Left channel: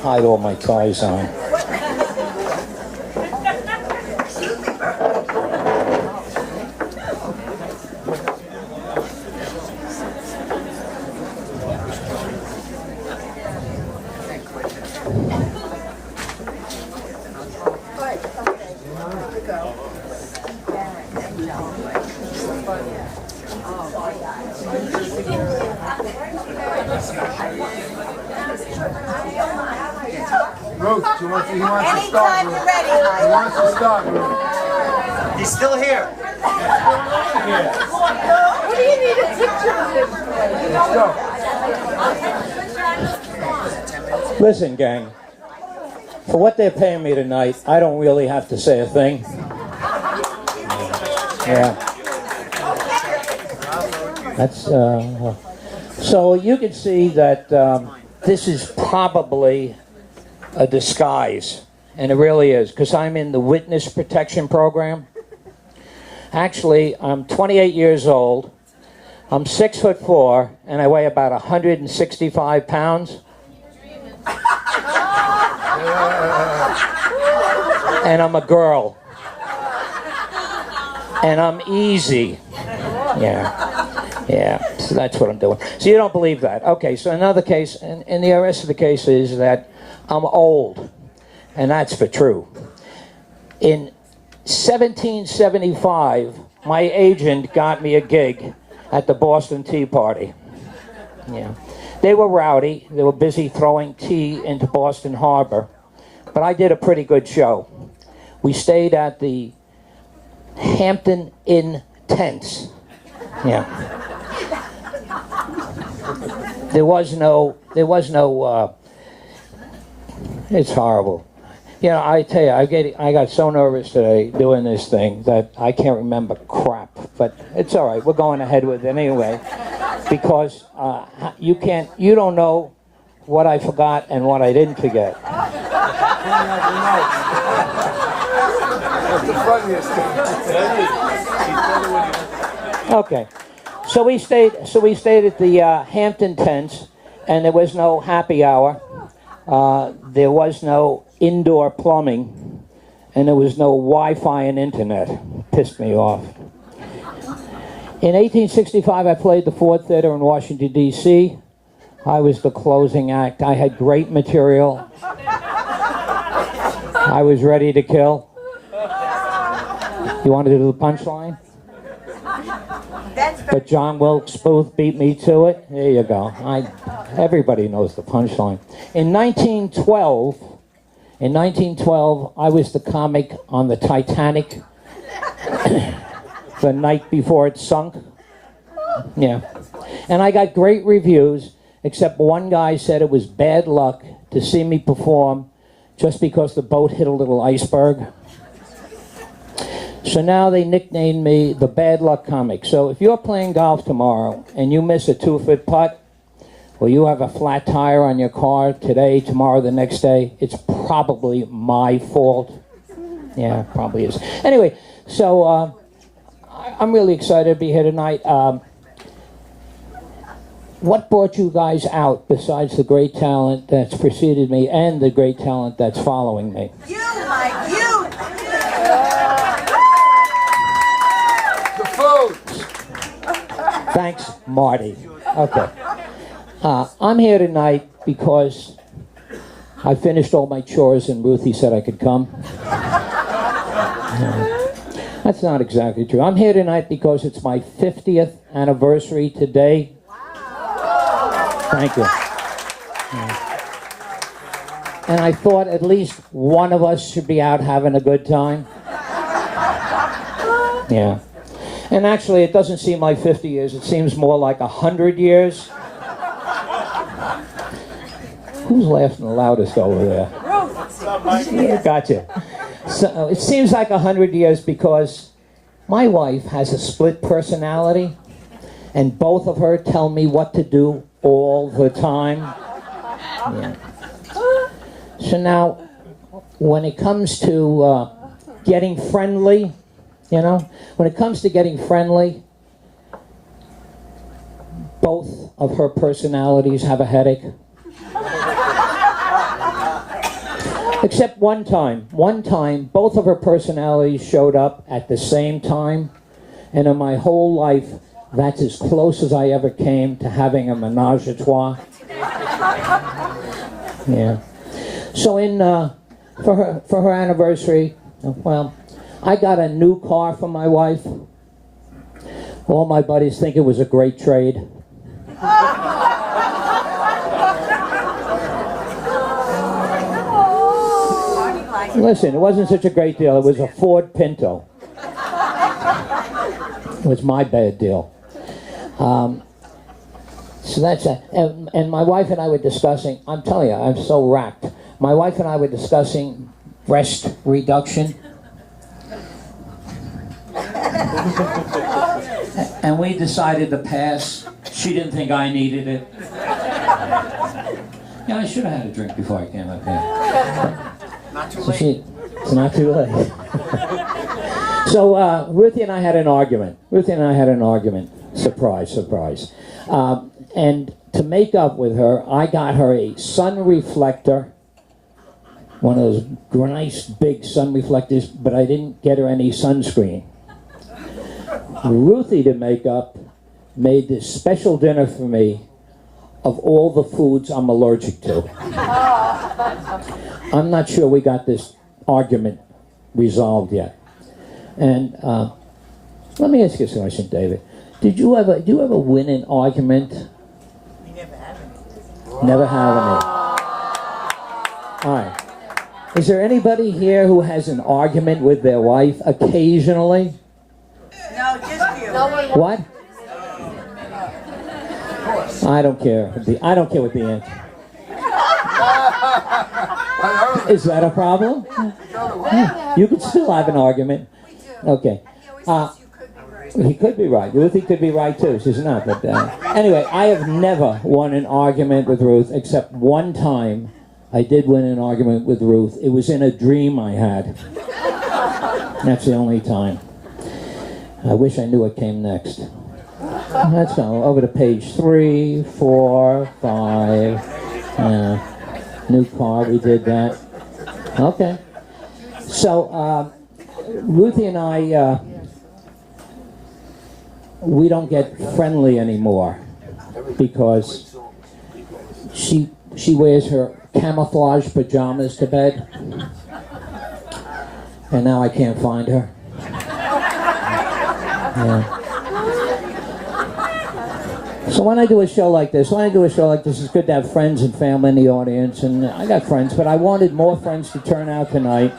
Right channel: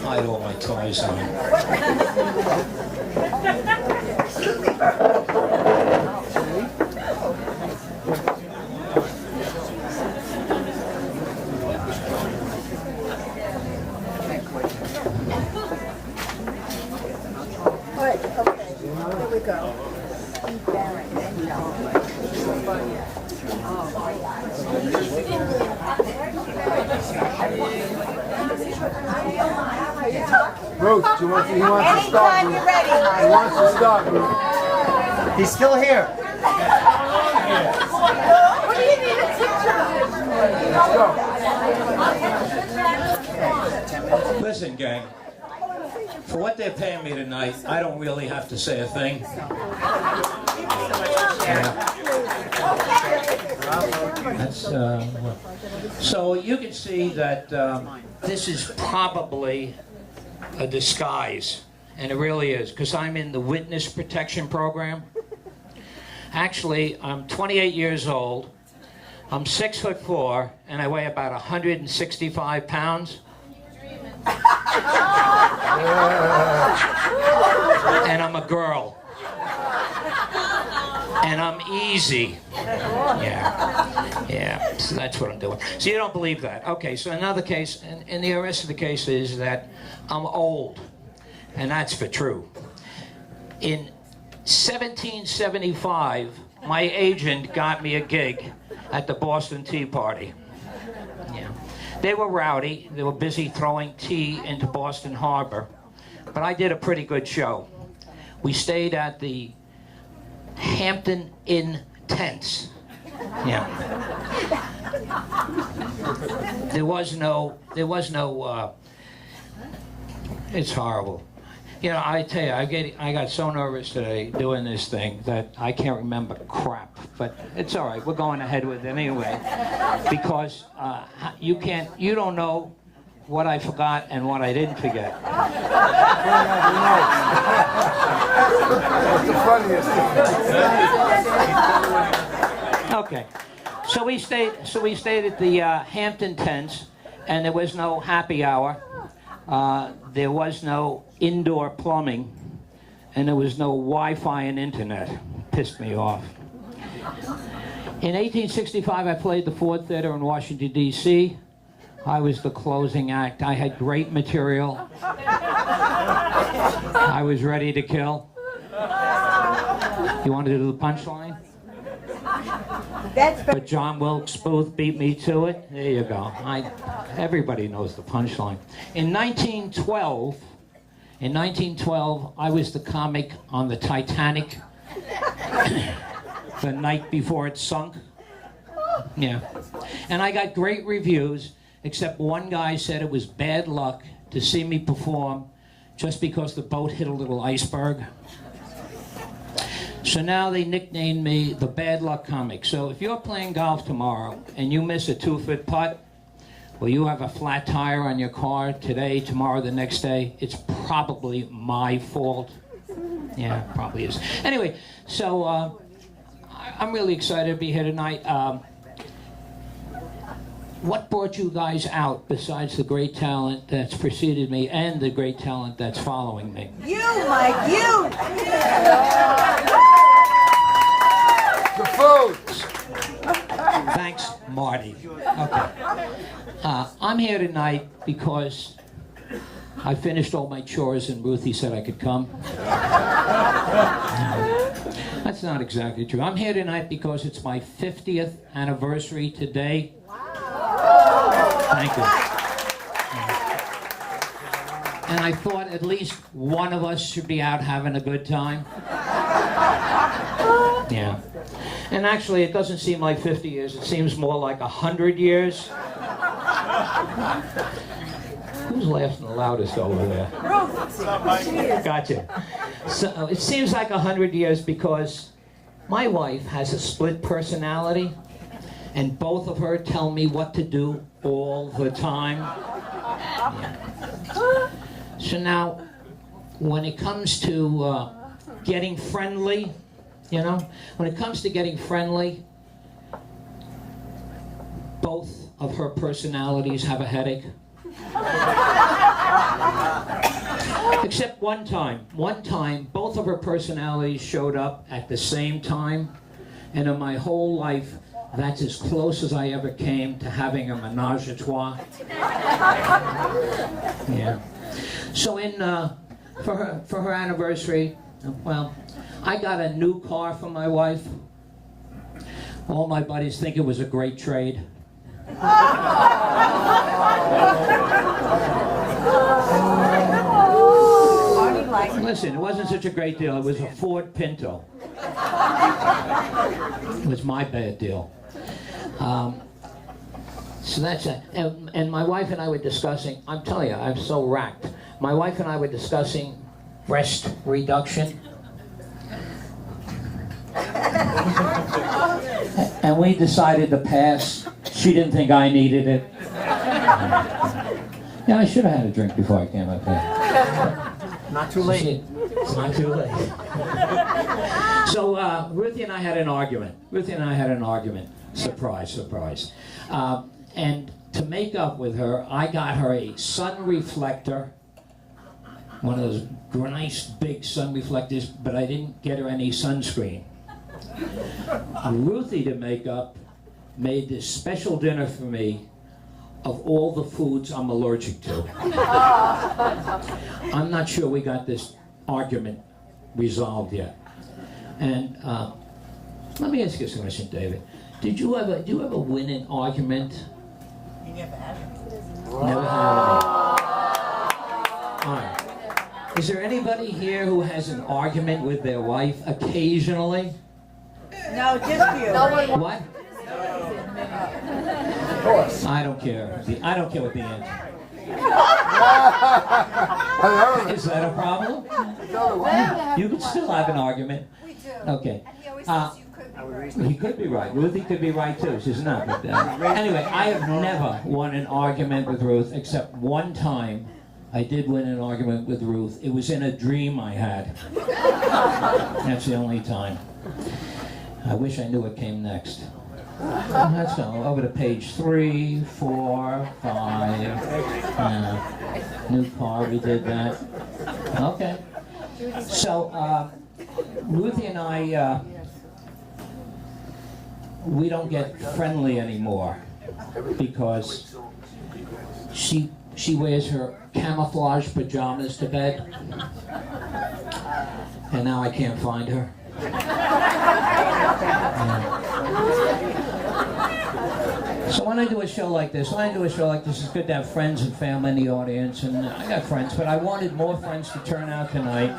Hide all my ties on. Ruth, he wants to start, Ruth. He wants to start, Ruth. He's still here. What do you need a picture of him? Let's go. Listen, gang. For what they're paying me tonight, I don't really have to say a thing. Yeah. That's so you can see that this is probably a disguise, and it really is, because I'm in the witness protection program. Actually, I'm 28 years old. I'm 6'4", and I weigh about 165 pounds. And I'm a girl. And I'm easy. Yeah, so that's what I'm doing. So you don't believe that. Okay, so another case, and the rest of the case is that I'm old, and that's for true. In 1775, my agent got me a gig at the Boston Tea Party. Yeah. They were rowdy. They were busy throwing tea into Boston Harbor. But I did a pretty good show. We stayed at the Hampton Inn tents. Yeah. There was no, it's horrible. You know, I tell you, I got so nervous today doing this thing that I can't remember crap. But it's all right. We're going ahead with it anyway, because you don't know what I forgot and what I didn't forget. That's the funniest thing. Okay, so we stayed at the Hampton tents, and there was no happy hour. There was no indoor plumbing, and there was no Wi-Fi and internet. Pissed me off. In 1865, I played the Ford Theater in Washington, D.C. I was the closing act. I had great material. I was ready to kill. You want to do the punchline? But John Wilkes Booth beat me to it. There you go. Everybody knows the punchline. In 1912, I was the comic on the Titanic the night before it sunk. Yeah. And I got great reviews, except one guy said it was bad luck to see me perform just because the boat hit a little iceberg. So now they nicknamed me the Bad Luck Comic. So if you're playing golf tomorrow and you miss a 2-foot putt, or you have a flat tire on your car today, tomorrow, the next day, it's probably my fault. Yeah, probably is. Anyway, so I'm really excited to be here tonight. What brought you guys out besides the great talent that's preceded me and the great talent that's following me? You, Mike, you! The food. Thanks, Marty. Okay. I'm here tonight because I finished all my chores and Ruthie said I could come. That's not exactly true. I'm here tonight because it's my 50th anniversary today. Thank you. And I thought at least one of us should be out having a good time. Yeah. And actually, it doesn't seem like 50 years. It seems more like 100 years. Who's laughing the loudest over there? Gotcha. So it seems like 100 years because my wife has a split personality, and both of her tell me what to do all the time. Yeah. So now, when it comes to getting friendly, when it comes to getting friendly, both of her personalities have a headache. Except one time. One time, both of her personalities showed up at the same time. And in my whole life, that's as close as I ever came to having a menage a trois. Yeah. So for her anniversary, well, I got a new car for my wife. All my buddies think it was a great trade. Listen, it wasn't such a great deal. It was a Ford Pinto. It was my bad deal. So that's and my wife and I were discussing, I'm telling you, I'm so racked. My wife and I were discussing breast reduction. And we decided to pass. She didn't think I needed it. Yeah, I should have had a drink before I came up here. Not too late. It's not too late. So Ruthie and I had an argument. Surprise, surprise. And to make up with her, I got her a sun reflector, one of those nice big sun reflectors, but I didn't get her any sunscreen. Ruthie, to make up, made this special dinner for me of all the foods I'm allergic to. I'm not sure we got this argument resolved yet. And let me ask you a question, David. Do you ever win an argument? We never have it. Never have it. All right. Is there anybody here who has an argument with their wife occasionally? No, just you. No one. What? I don't care. I don't care what the answer. Is that a problem? You could still have an argument. Okay. He could be right. Ruthie could be right too. She's not. But anyway, I have never won an argument with Ruth except one time. I did win an argument with Ruth. It was in a dream I had. That's the only time. I wish I knew what came next. Let's go over to page 3, 4, 5. New car, we did that. Okay. So, Ruthie and I, we don't get friendly anymore because she wears her camouflage pajamas to bed, and now I can't find her. So when I do a show like this, it's good to have friends and family in the audience, and I got friends, but I wanted more friends to turn out tonight.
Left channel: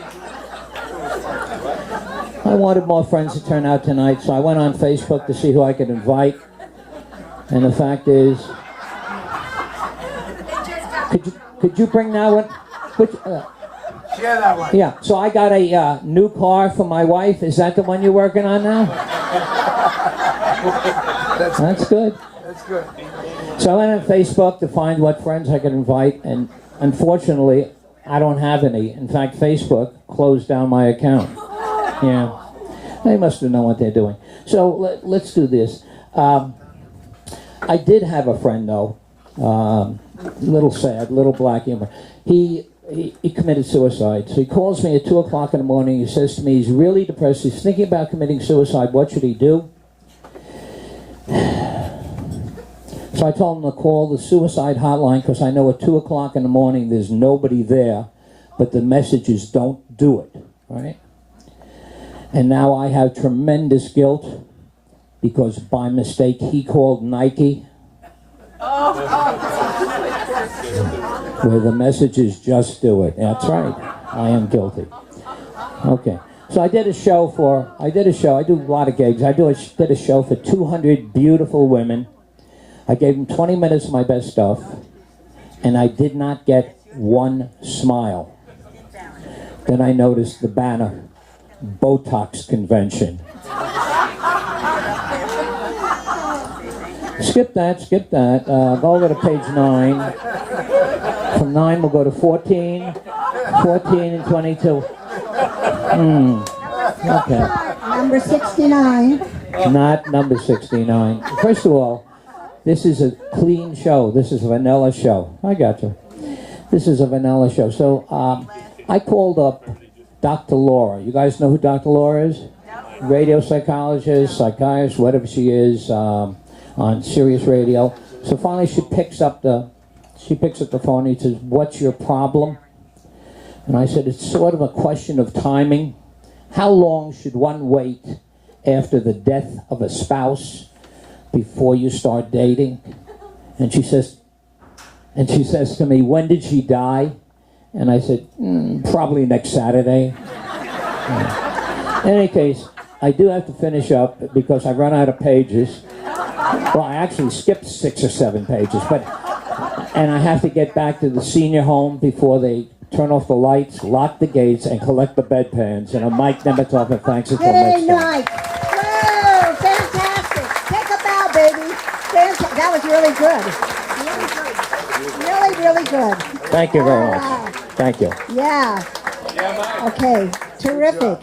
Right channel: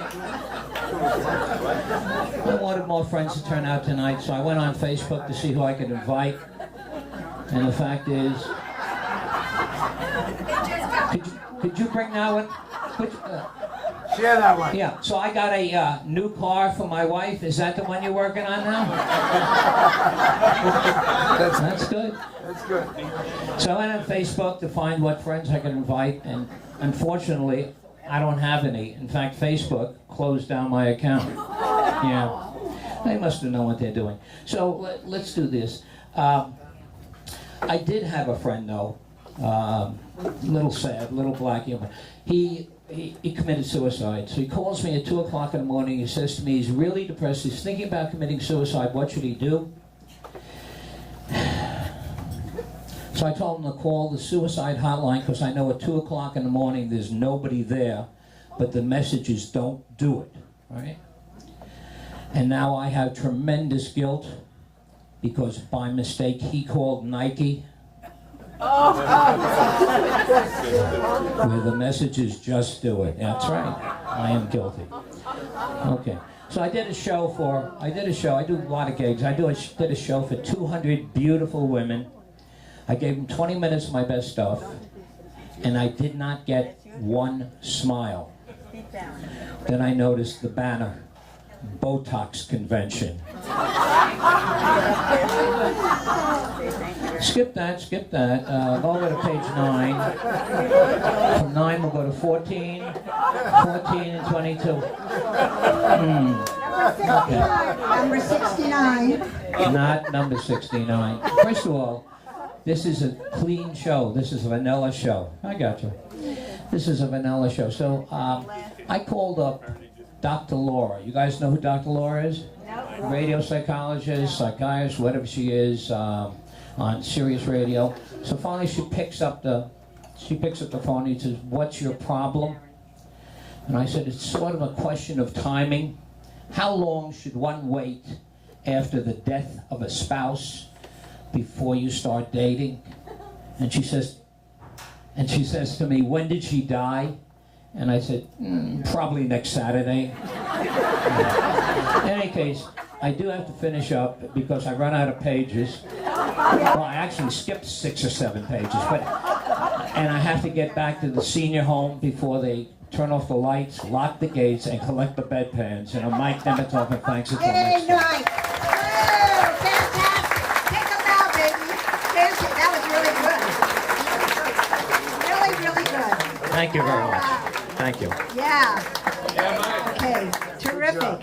So I went on Facebook to see who I could invite, and the fact is, could you bring that one? Share that one. Yeah, so I got a new car for my wife. Is that the one you're working on now? That's good. That's good. So I went on Facebook to find what friends I could invite, and unfortunately, I don't have any. In fact, Facebook closed down my account. Yeah, they must have known what they're doing. So let's do this. I did have a friend, though, a little sad, little black humor. He committed suicide. So he calls me at 2 o'clock in the morning. He says to me, he's really depressed. He's thinking about committing suicide. What should he do? So I told him to call the suicide hotline because I know at 2 o'clock in the morning there's nobody there, but the message is don't do it, right? And now I have tremendous guilt because by mistake he called Nike. Where the message is just do it. That's right. I am guilty. Okay. So I do a lot of gigs. I did a show for 200 beautiful women. I gave them 20 minutes of my best stuff, and I did not get one smile. Then I noticed the banner, Botox Convention. Skip that. Go over to page 9. From 9 we'll go to 14 and 22. Okay. Number 69. Not number 69. First of all, This is a clean show. This is a vanilla show. I got you. This is a vanilla show. So I called up Dr. Laura. You guys know who Dr. Laura is? Radio psychologist, psychiatrist, whatever she is, on Sirius Radio. So finally she picks up the phone and says, "What's your problem?" And I said, "It's sort of a question of timing. How long should one wait after the death of a spouse before you start dating?" And she says to me, "When did she die?" And I said, "Probably next Saturday." In any case, I do have to finish up because I run out of pages. Well, I actually skipped 6 or 7 pages, and I have to get back to the senior home before they turn off the lights, lock the gates, and collect the bedpans. And I'm Mike Nemitov, and thanks until next time. Nice. Woo, fantastic. Take a bow, baby. That was really good. Really, really good. Thank you very much. Wow. Thank you. Yeah. Okay. Terrific.